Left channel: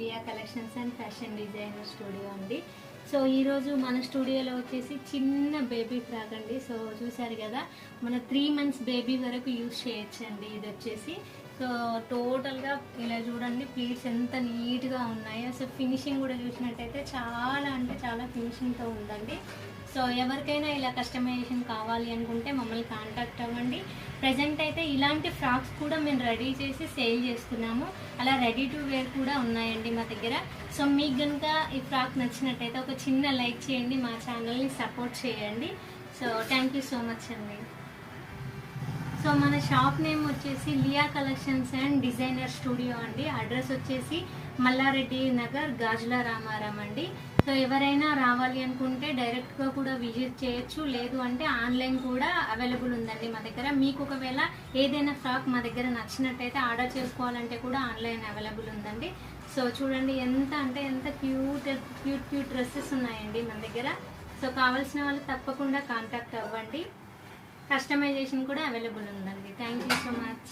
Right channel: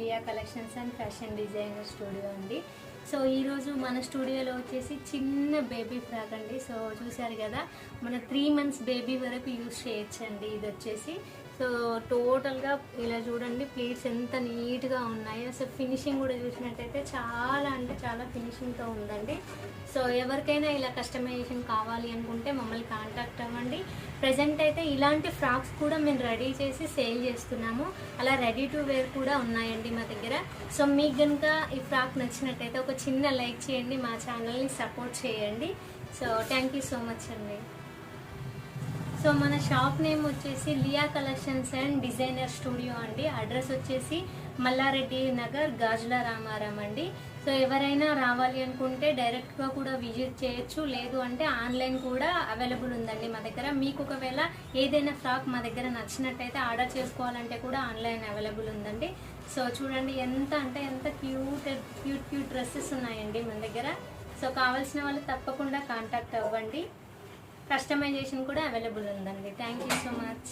Liya collections and fashion designer studio అండి. So ఈరోజు మన స్టూడియోలో వచ్చేసి చిన్న బేబీ ఫ్రాక్ అండి. సో చూసారు కదా, మన 3 months బేబీ వరకు యూజ్ చేయొచ్చండి. ఇది వచ్చేసి సో టోటల్గా ఇలా చూడండి, ప్లీట్స్ ఎంత నీట్గా ఉన్నాయో. సో ఫినిషింగ్ కూడా చూసినట్టయితే చాలా అంటే చాలా ఫినిషింగ్తో ఉందండి. సో ఎవరికైనా ఇలా కస్టమైజేషన్ కావాలి అనుకుంటే మమ్మల్ని కాంటాక్ట్ అవ్వండి. ప్రజెంట్ అయితే ఇలాంటి ఫ్రాక్స్ కూడా మేము రెడీ చేసి సేల్ చేస్తున్నాము. అలా రెడీ టు వేర్ కూడా ఉన్నాయండి మా దగ్గర. సో మీకు కనుక ఈ ఫ్రాక్ నచ్చినట్టయితే ఒక చిన్న లైక్ చేయండి, మా ఛానల్ని సపోర్ట్ చేయండి. So thank you so much అండి. సో మన షాప్ నేమ్ వచ్చేసి Liya collections and designer studio అండి. అడ్రస్ వచ్చేసి మల్లారెడ్డి నగర్, గాజుల రామారాం అండి. సో ఎవరైనా రావాలి అనుకుంటే డైరెక్ట్గా కూడా విజిట్ చేయొచ్చు, లేదు అంటే ఆన్లైన్ కూడా అవైలబుల్ ఉందండి మా దగ్గర. మీకు ఒకవేళ ఏదైనా ఫ్రాక్ మా దగ్గర నచ్చినట్టయితే ఆర్డర్ చేసుకోవాలంటే కూడా ఆన్లైన్ అవైలబుల్ ఉందండి. సో చూడండి ఎంత అంటే ఎంత క్యూట్ డ్రెస్సెస్ ఉన్నాయండి మన దగ్గర. సో కావాల్సిన వాళ్ళు తప్పకుండా కాంటాక్ట్ అవ్వండి. కస్టమైజేషన్ కూడా అవైలబుల్ ఉందండి. Thank you so much.